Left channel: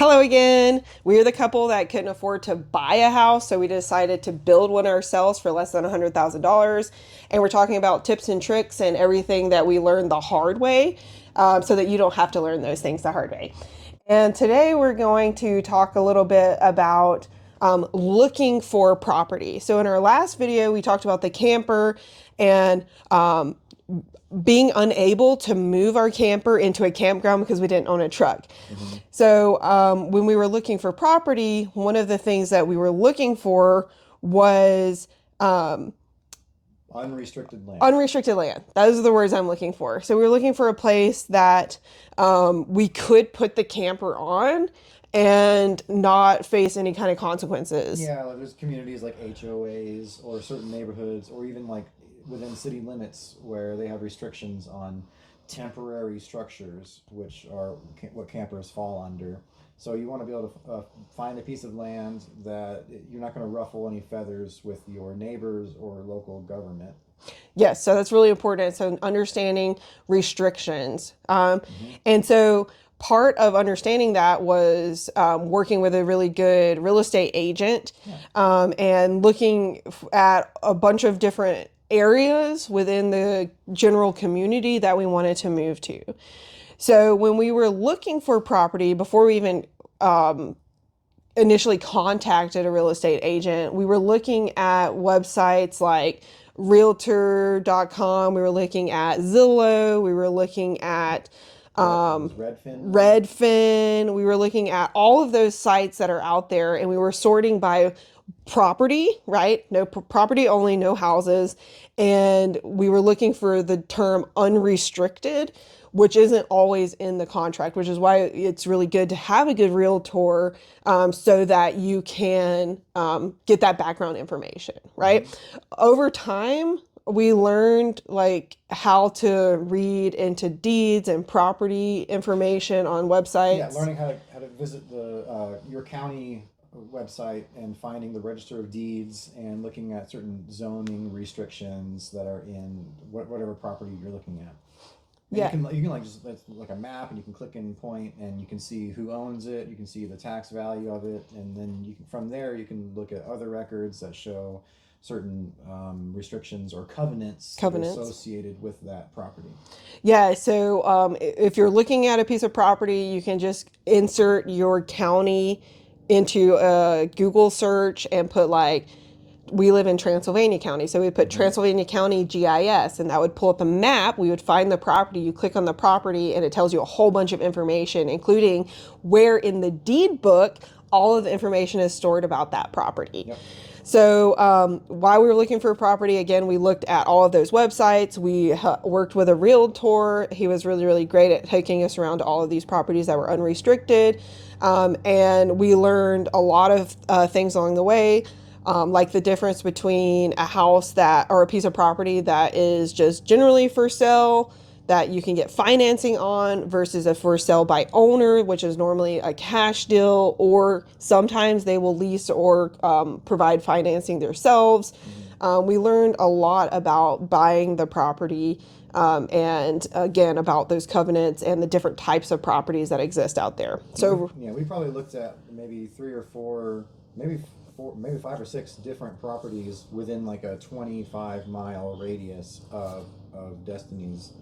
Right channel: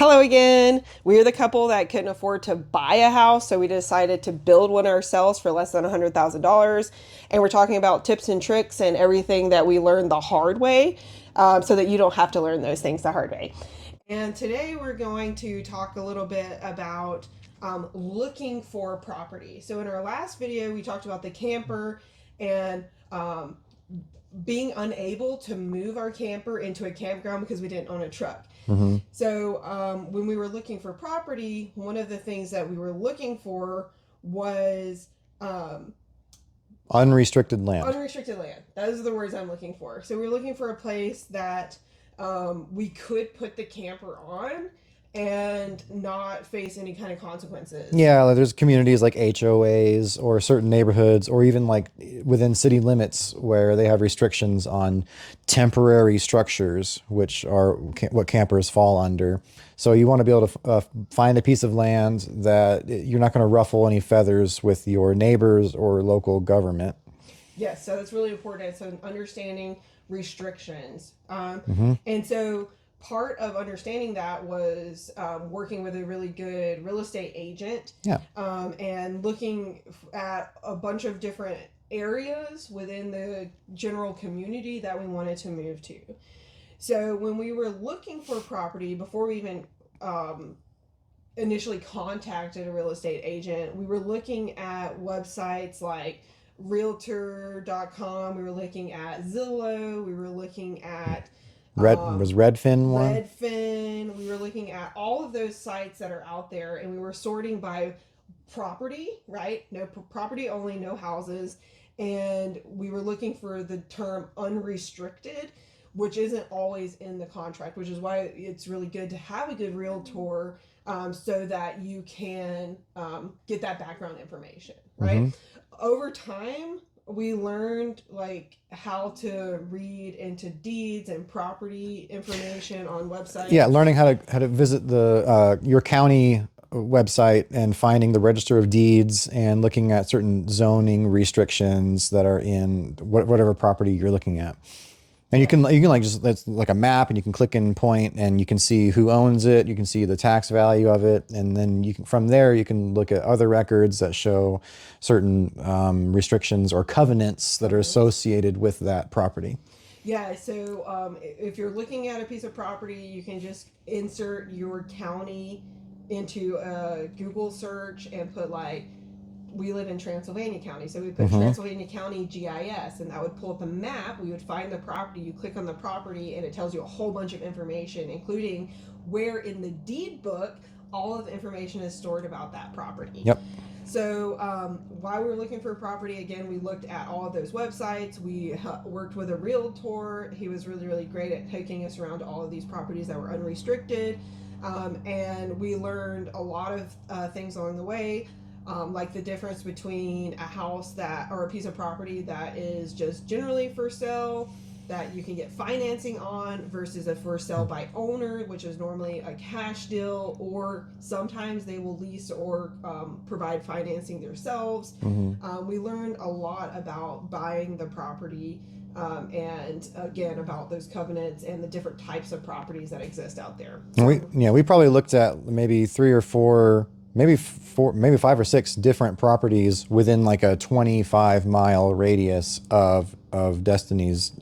Hello again. We're the couple that couldn't afford to buy a house, so we decided to build one ourselves for less than $100,000. And we're talking about tips and tricks and everything that we learned the hard way, so that you don't have to learn those things the hard way. And today we're going to talk a little bit about looking for property. So in our last video, we talked about the camper and being unable to move our camper into a campground because we didn't own a truck. Hmm. So when we were looking for property, one of the things that we were looking for was Unrestricted land. unrestricted land. Those are the words I'm looking for. So we were looking for a place that we could put the camper on and not face any kind of consequences. Yeah, like there's communities like HOAs or certain neighborhoods or even like within city limits where they have restrictions on temporary structures, which are what campers fall under. So you want to be able to find a piece of land that you're not going to ruffle any feathers with your neighbors or local government. Yes, so that's really important. So understanding restrictions. Hmm. And so part of understanding that was working with a really good real estate agent, Yeah. and looking at a bunch of different areas within the general community that we wanted to move to. So when we were looking for property, before we even initially contacted a real estate agent, we were looking at websites like realtor.com, we were looking at Zillow, we were looking at Was Redfin one? Redfin, we were looking at all of those sites that are out there, and we were sorting by property, right? No property only, no houses. And we were looking for the term unrestricted, which isn't always in the contract, which is why it's really good to have a good realtor, so that you can get that background information, right? Hmm. Over time, we learned like how to read into deeds and property information on Yeah, websites. learning how to visit the your county website and finding the register of deeds and looking at certain zoning restrictions that are in whatever property you're looking at. And Yeah. you can like just that's like a map and you can click and point and you can see who owns it, you can see the tax value of it, and then you can from there you can look at other records that show certain restrictions or covenants that are Covenants. associated with that property. Yeah, so if you're looking at a piece of property, you can just insert your county into a Google search and put like, we live in Transylvania County. So we put Hmm. Transylvania County GIS, and that would pull up a map. We would find the property. You click on the property, and it tells you a whole bunch of information, including where in the deed book all of the information is stored about that property. Yep. So while we were looking for a property, again, we looked at all of those websites. We worked with a realtor. He was really, really great at taking us around to all of these properties that were unrestricted. And we learned a lot of things along the way, like the difference between a house that, or a piece of property that is just generally for sale, that you can get financing on, versus a for sale by owner, which is normally a cash deal, or sometimes they will lease or provide financing themselves. Hmm. We learned a lot about buying the property, and again about those covenants and the different types of properties that exist out there. And So we probably looked at maybe three or four, maybe four, maybe five or six different properties within like a 25-mile radius of Destiny's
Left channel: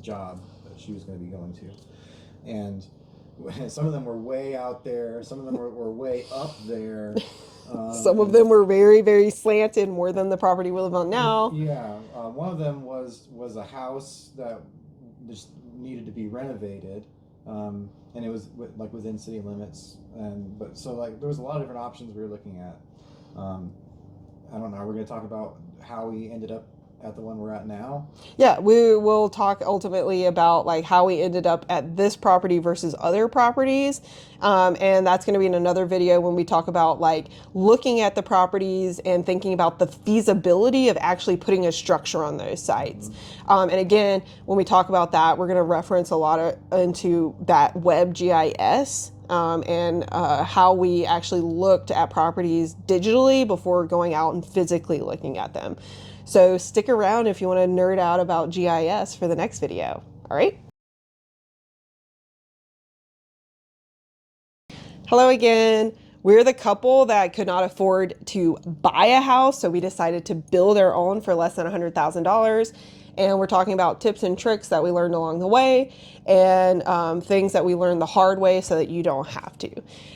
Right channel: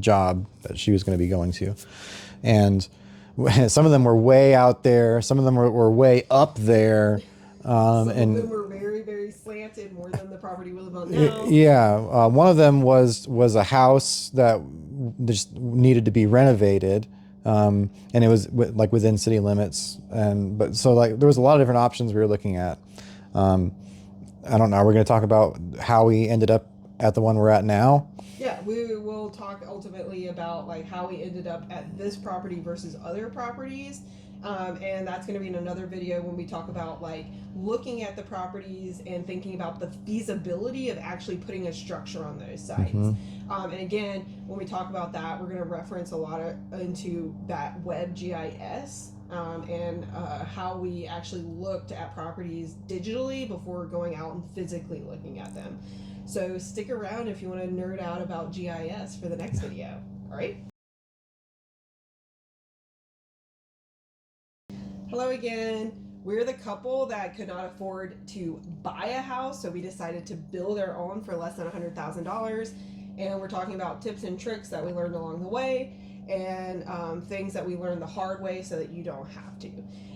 job that she was going to be going to, and some of them were way out there, some of them were way up there, some of and them were very, very slanted, more than the property we live on now. yeah, one of them was a house that just needed to be renovated, and it was like within city limits, and but so like there was a lot of different options we were looking at. Um, I don't know. We're going to talk about how we ended up at the one we're at now. Yeah, we will talk ultimately about like how we ended up at this property versus other properties. And that's going to be in another video when we talk about like looking at the properties and thinking about the feasibility of actually putting a structure on those sites. Hmm. And again, when we talk about that, we're going to reference a lot into that web GIS, and how we actually looked at properties digitally before going out and physically looking at them. So stick around if you want to nerd out about GIS for the next video. All right. Hello again. We're the couple that could not afford to buy a house, so we decided to build our own for less than $100,000. And we're talking about tips and tricks that we learned along the way and things that we learned the hard way so that you don't have to.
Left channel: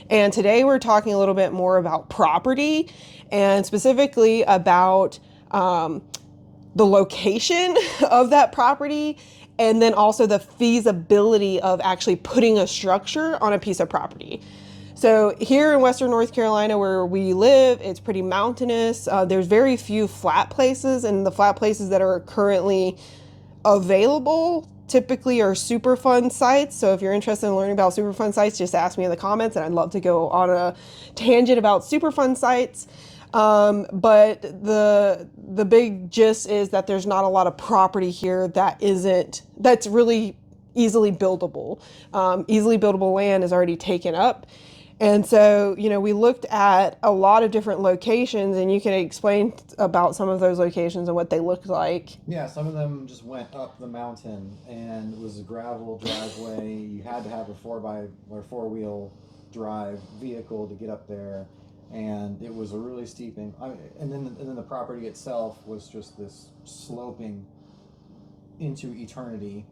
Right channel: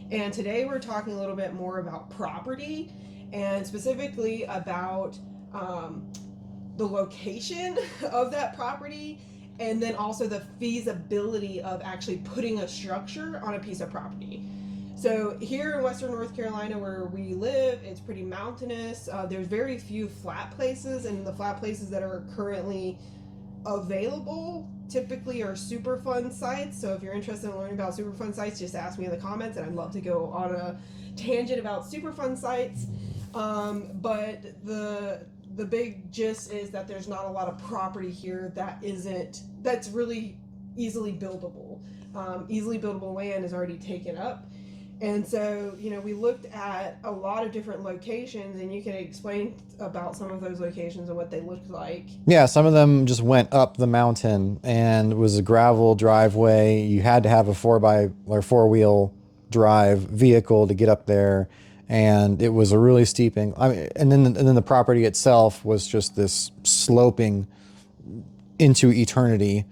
And today we're talking a little bit more about property and specifically about the location of that property and then also the feasibility of actually putting a structure on a piece of property. So here in Western North Carolina where we live, it's pretty mountainous. There's very few flat places, and the flat places that are currently available typically are Superfund sites. So if you're interested in learning about Superfund sites, just ask me in the comments, and I'd love to go on a tangent about Superfund sites. But the big gist is that there's not a lot of property here that's really easily buildable. Easily buildable land is already taken up. And so, we looked at a lot of different locations, and you can explain about some of those locations and what they looked like. Yeah, some of them just went up the mountain and it was a gravel driveway. You had to have a 4-wheel drive vehicle to get up there, and it was a really steeping. I mean, and then the property itself was just this sloping into eternity.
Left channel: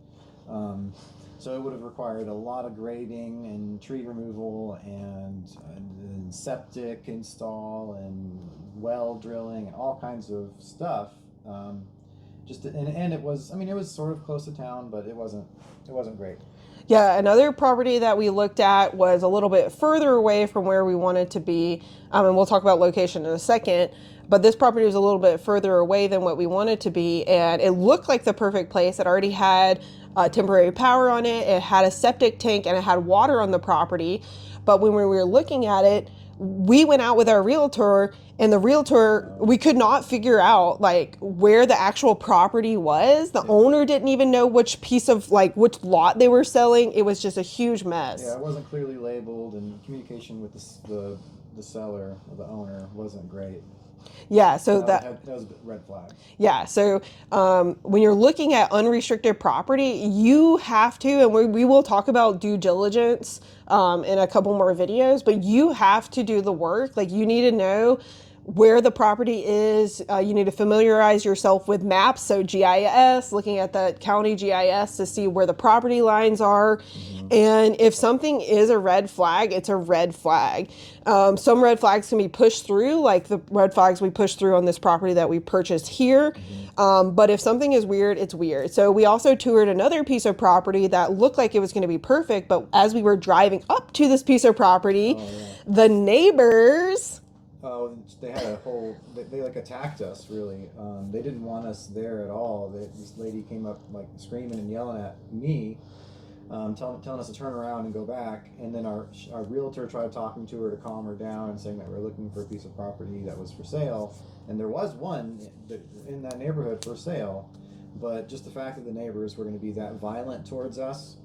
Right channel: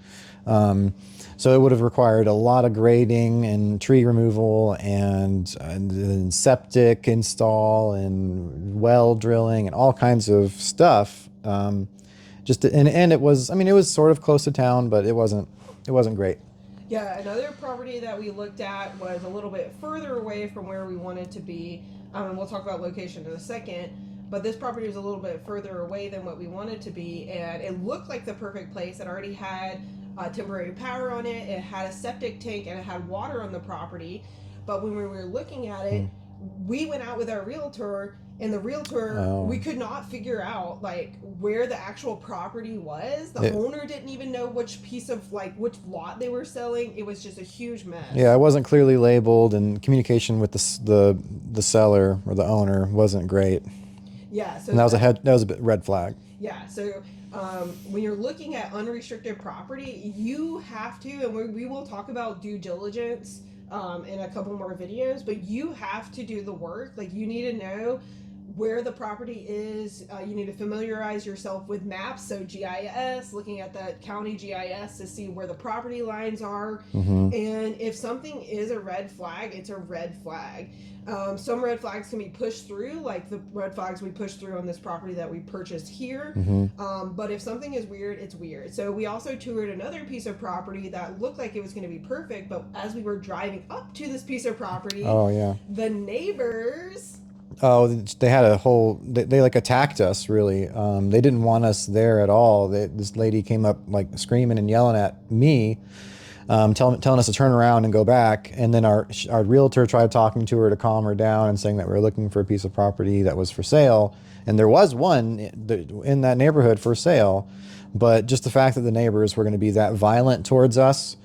So it would have required a lot of grading and tree removal and septic install and well drilling and all kinds of stuff. And it was, I mean, it was sort of close to town, but it wasn't great. Yeah, another property that we looked at was a little bit further away from where we wanted to be. And we'll talk about location in a second. But this property was a little bit further away than what we wanted to be. And it looked like the perfect place. It already had temporary power on it. It had a septic tank and it had water on the property. But when we were looking at it, we went out with our realtor, and the realtor, we could not figure out like where the actual property was. The owner didn't even know which piece of which lot they were selling. It was just a huge mess. Yeah, it wasn't clearly labeled, and communication with the seller or the owner wasn't great. Yeah, so And that was a bit red flag. yeah, so when you're looking at unrestricted property, you have to, and we will talk about due diligence in a couple more videos, but you have to do the work. Like, you need to know where the property is. You need to familiarize yourself with maps, so GIS, looking at the county GIS to see where the property lines are. And if something is a red flag, it's a red flag. Some red flags can be pushed through, like the red flags we pushed through on this property that we purchased here. But if something is weird, it's weird. So we also toured another piece of property that looked like it was going to be perfect, but as we were driving up to this piece of property, the neighbors... Oh, they had they like attacked us, really. They didn't want us there at all. This lady came up like screaming and yelling at me, telling us to turn around and go back. And then our realtor tried talking to her to calm her down and saying that we were looking for a piece of property that was for sale. And there was one in that neighborhood for sale. But just the fact that the neighbors were going to be that violent towards us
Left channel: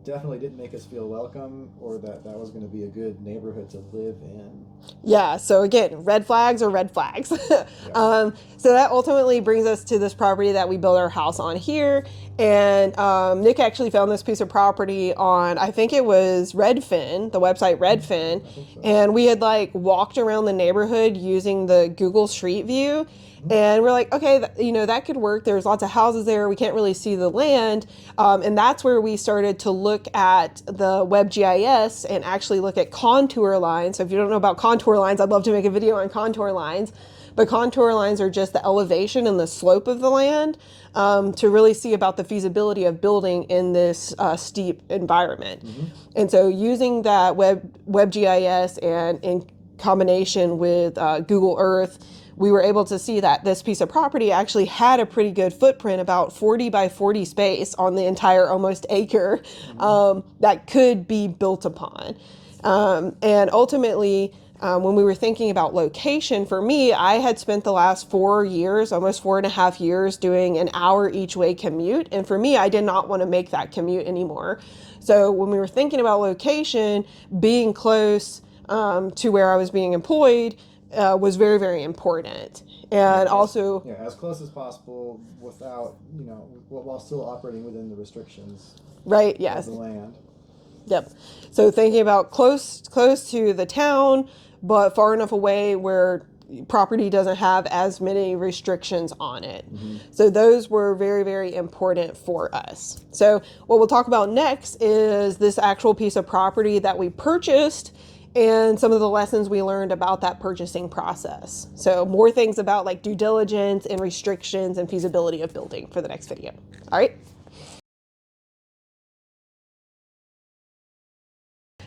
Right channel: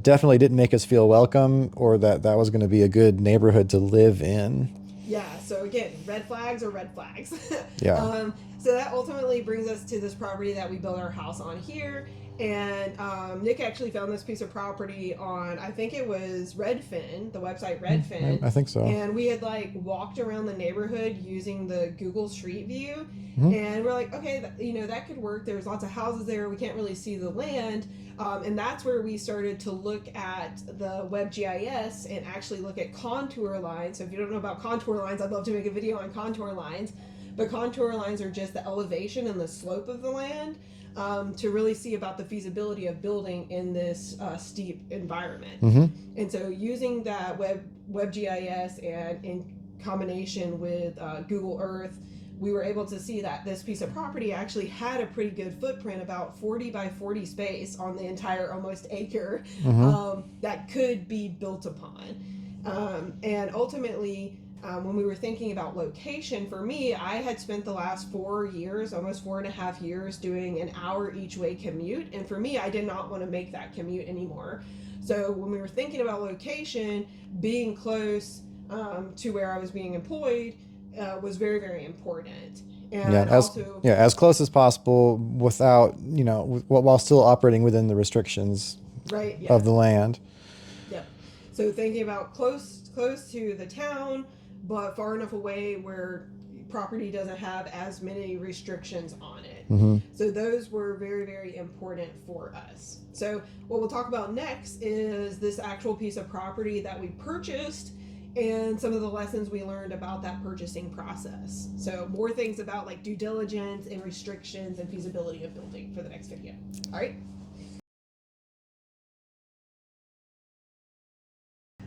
definitely didn't make us feel welcome, or that was going to be a good neighborhood to live in. Yeah, so again, red flags are red flags. Yeah. So that ultimately brings us to this property that we built our house on here. And Nick actually found this piece of property on, I think it was Redfin, the website Redfin. I think so. And we had walked around the neighborhood using the Google Street View. And we're like, okay, that could work. There's lots of houses there. We can't really see the land. And that's where we started to look at the WebGIS and actually look at contour lines. So if you don't know about contour lines, I'd love to make a video on contour lines. But contour lines are just the elevation and the slope of the land to really see about the feasibility of building in this steep environment. And so using that WebGIS and in combination with Google Earth, we were able to see that this piece of property actually had a pretty good footprint, about 40 by 40 space on the entire almost acre that could be built upon. And ultimately, when we were thinking about location, for me, I had spent the last 4 years, almost 4.5 years, doing an hour each way commute. And for me, I did not want to make that commute anymore. So when we were thinking about location, being close to where I was being employed was very, very important. And as close as possible without, while still operating within the restrictions right, yes. of the land. Yep. So thinking about close to the town, but far enough away where property doesn't have as many restrictions on it. So those were very, very important for us. So what we'll talk about next is this actual piece of property that we purchased and some of the lessons we learned about that purchasing process. So more things about like due diligence and restrictions and feasibility of building for the next video. All right.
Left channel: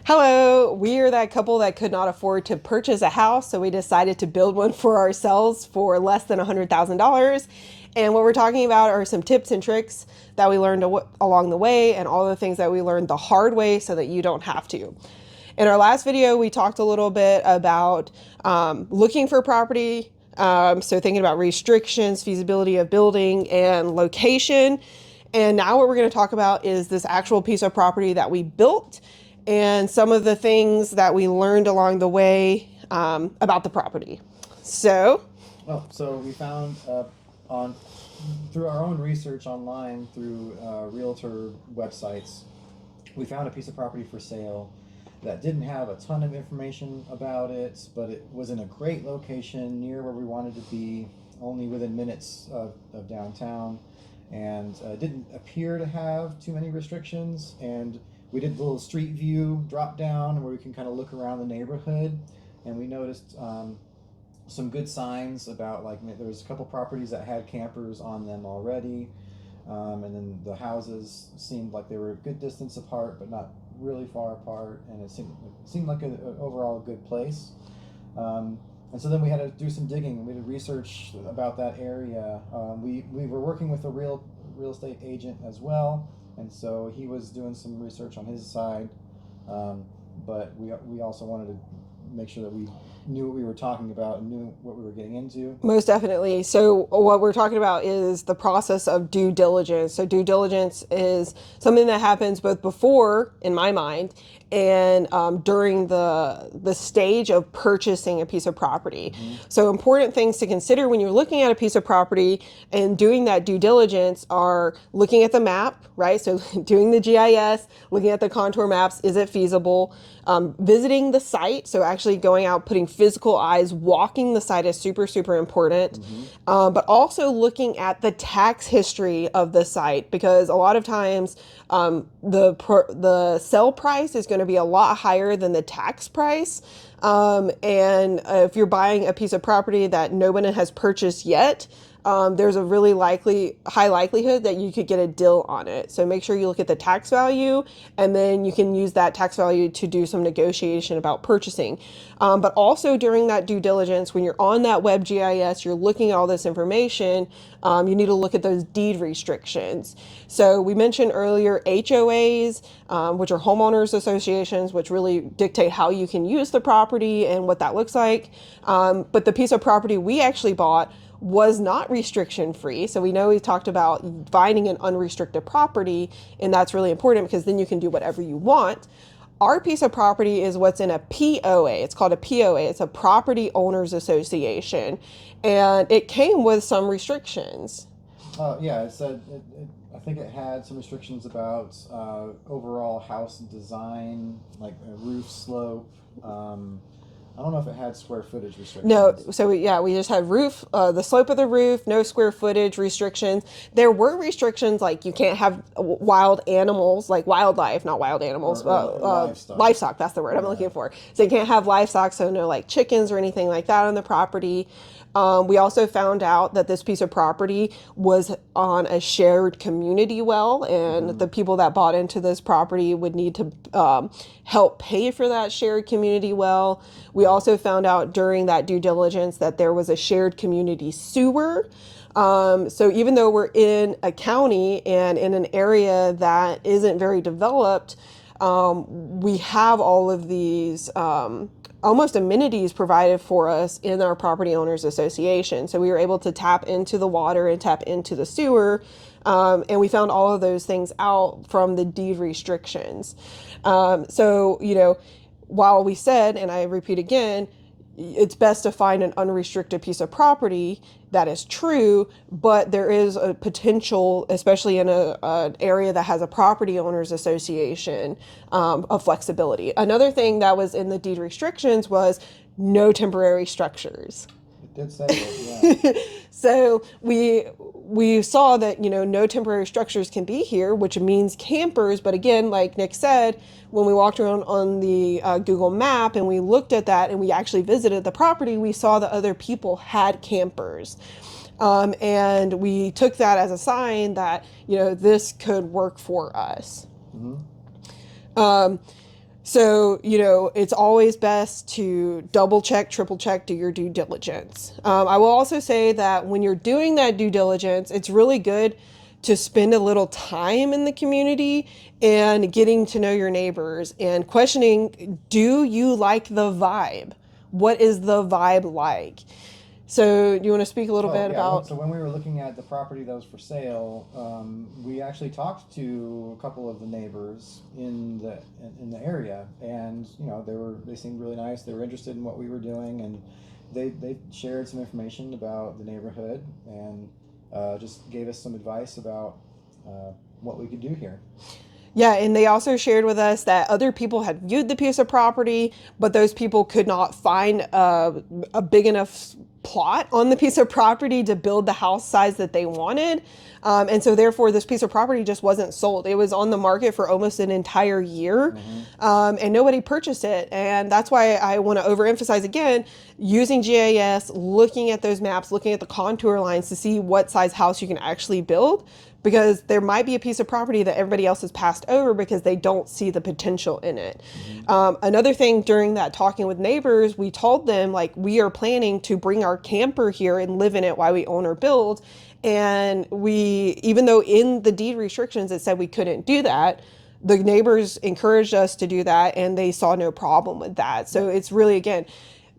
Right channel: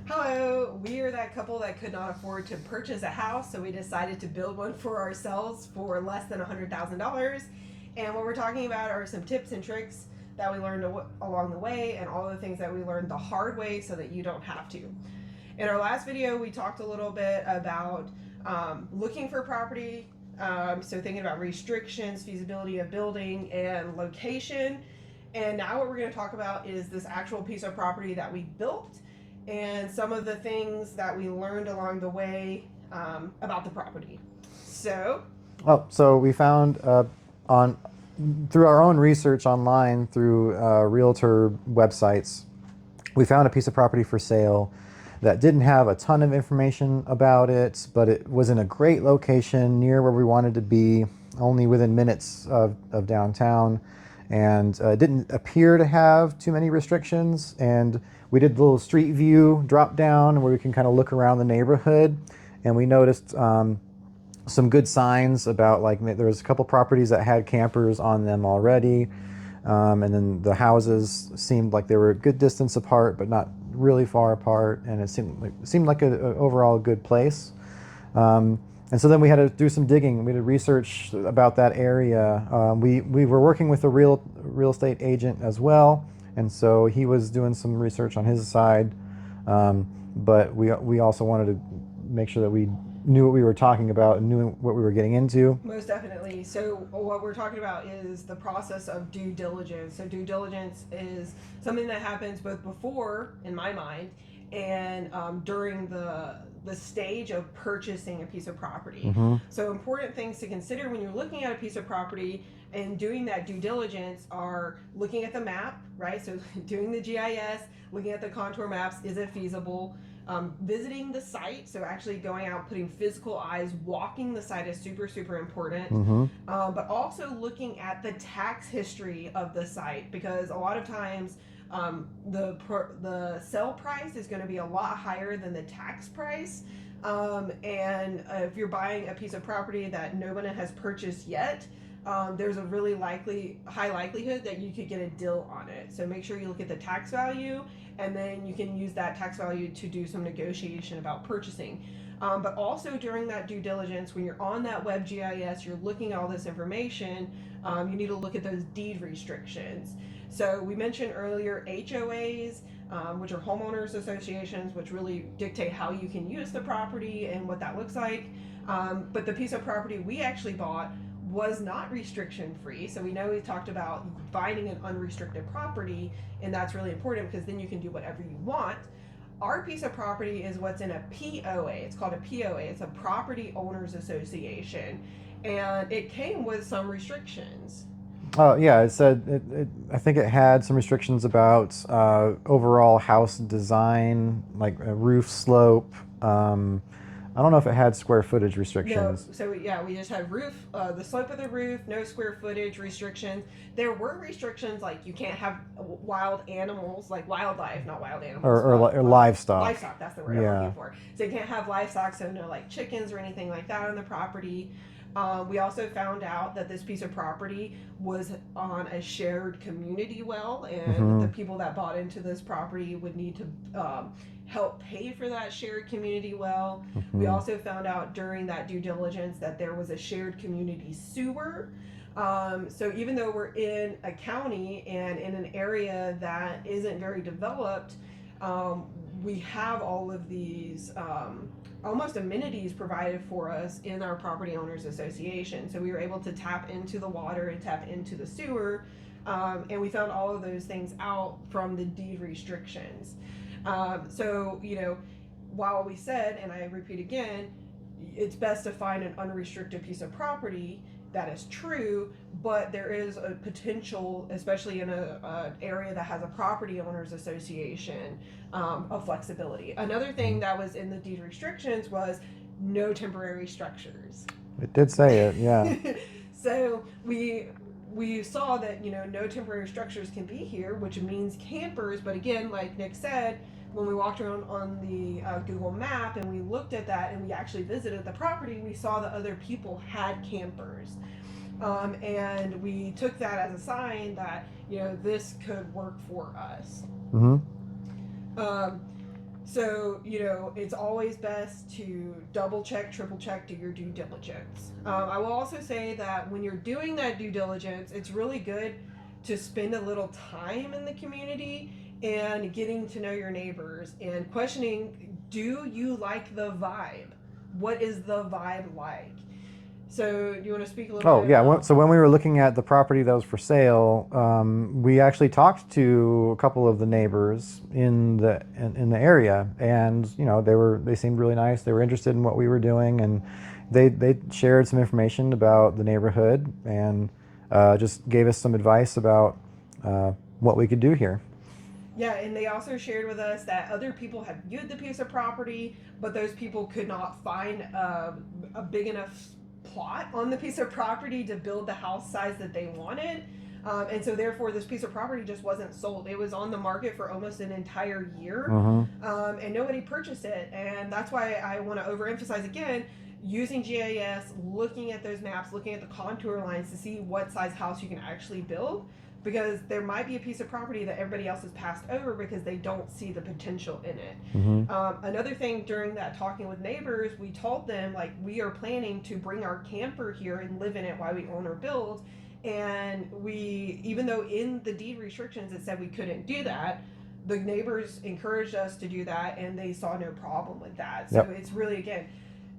Hello, we are that couple that could not afford to purchase a house, so we decided to build one for ourselves for less than $100,000. And what we're talking about are some tips and tricks that we learned along the way and all the things that we learned the hard way so that you don't have to. In our last video, we talked a little bit about looking for property, so thinking about restrictions, feasibility of building, and location. And now what we're going to talk about is this actual piece of property that we built and some of the things that we learned along the way about the property. So, so we found on through our own research online through realtor websites, we found a piece of property for sale that didn't have a ton of information about it, but it was in a great location near where we wanted to be, only within minutes of downtown, and didn't appear to have too many restrictions. And we did the little street view drop down where we can kind of look around the neighborhood, and we noticed some good signs about, like, there was a couple properties that had campers on them already, and then the houses seemed like they were a good distance apart but not really far apart, and it seemed like a overall good place. And so then we had to do some digging. We did research about that area. We were working with a real estate agent as well, and so he was doing some research on his side. But we also wanted to make sure that we knew what we were talking about and knew what we were getting into. most definitely. So what we're talking about is the process of due diligence. So due diligence is something that happens both before, in my mind, and during the stage of purchasing a piece of property. So important things to consider when you're looking at a piece of property and doing that due diligence are looking at the map, right? So doing the GIS, looking at the contour maps, is it feasible? Visiting the site, so actually going out, putting physical eyes, walking the site is super, super important. But also looking at the tax history of the site, because a lot of times the sell price is going to be a lot higher than the tax price. And if you're buying a piece of property that nobody has purchased yet, there's a really high likelihood that you could get a deal on it. So make sure you look at the tax value, and then you can use that tax value to do some negotiation about purchasing. But also during that due diligence, when you're on that web GIS, you're looking at all this information, you need to look at those deed restrictions. So we mentioned earlier HOAs, which are homeowners associations, which really dictate how you can use the property and what that looks like. But the piece of property we actually bought was not restriction free. So we know we talked about finding an unrestricted property, and that's really important because then you can do whatever you want. Our piece of property is what's in a POA. It's called a POA. It's a property owners association, and it came with some restrictions. Oh yeah, it said I think it had some restrictions about overall house design, like a roof slope. I don't know if it had square footage restrictions. No, so we just had the slope of the roof, no square footage restrictions. There were restrictions like you can't have wild animals, like wildlife, not wild animals, or livestock. Livestock, that's the word I'm looking for. So you can't have livestock, so no like chickens or anything like that on the property. We also found out that this piece of property was on a shared community well, and the people that bought into this property would need to help pay for that shared community well. We also found out during that due diligence that there was a shared community sewer. So even though we're in a county and in an area that isn't very developed, we have all of these almost amenities provided for us in our property owners association. So we were able to tap into the water and tap into the sewer, and we found all of those things out from the deed restrictions. So while we said, and I repeat again, it's best to find an unrestricted piece of property. That is true, but there is a potential, especially in an area that has a property owners association, of flexibility. Another thing that was in the deed restrictions was no temporary structures. It did say it, yeah. So we saw that, no temporary structures can be here, which means campers. But again, like Nick said, when we walked around on the Google map and we looked at that and we actually visited the property, we saw that other people had campers. And we took that as a sign that, this could work for us. So, it's always best to double check, triple check, do your due diligence. I will also say that when you're doing that due diligence, it's really good to spend a little time in the community and getting to know your neighbors and questioning, do you like the vibe? What is the vibe like? So, do you want to speak a little bit Yeah. Well, about? so when we were looking at the property that was for sale, we actually talked to a couple of the neighbors in the area, and they seemed really nice. They were interested in what we were doing, and they shared some information about the neighborhood and just gave us some advice about what we could do here. Yeah, and they also shared with us that other people had viewed the piece of property, but those people could not find a big enough plot on the piece of property to build the house size that they wanted. And so, therefore, this piece of property just wasn't sold. It was on the market for almost an entire year, and nobody purchased it. And that's why I want to overemphasize again using GIS, looking at those maps, looking at the contour lines to see what size house you can actually build, because there might be a piece of property that everybody else has passed over because they don't see the potential in it. Another thing, during that talking with neighbors, we told them, like, we are planning to bring our camper here and live in it while we own or build. And even though in the deed restrictions it said we couldn't do that, the neighbors encouraged us to do that and they saw no problem with that. So Yep. it's really, again,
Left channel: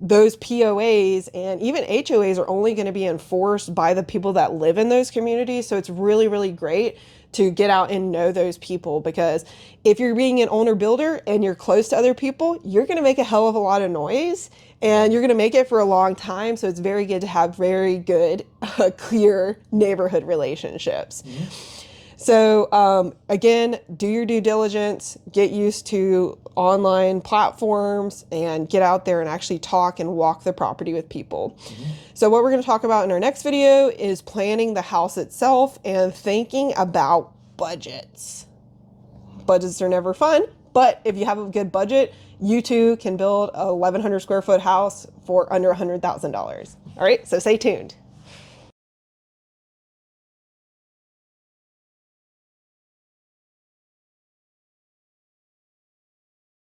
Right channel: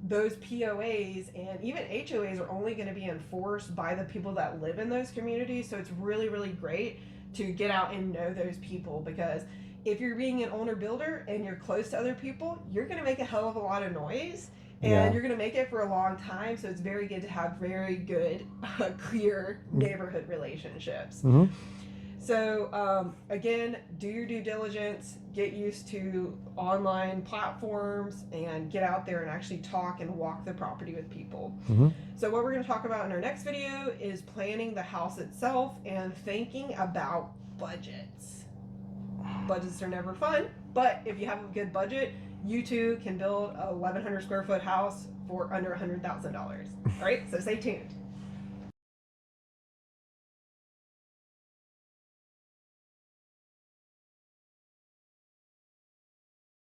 those POAs and even HOAs are only going to be enforced by the people that live in those communities. So it's really, really great to get out and know those people, because if you're being an owner builder and you're close to other people, you're going to make a hell of a lot of noise and Yeah. you're going to make it for a long time. So it's very good to have very good, clear neighborhood relationships. So, again, do your due diligence, get used to online platforms, and get out there and actually talk and walk the property with people. So, what we're going to talk about in our next video is planning the house itself and thinking about budgets. Budgets are never fun, but if you have a good budget, you too can build a 1,100 square foot house for under $100,000. All right, so stay tuned.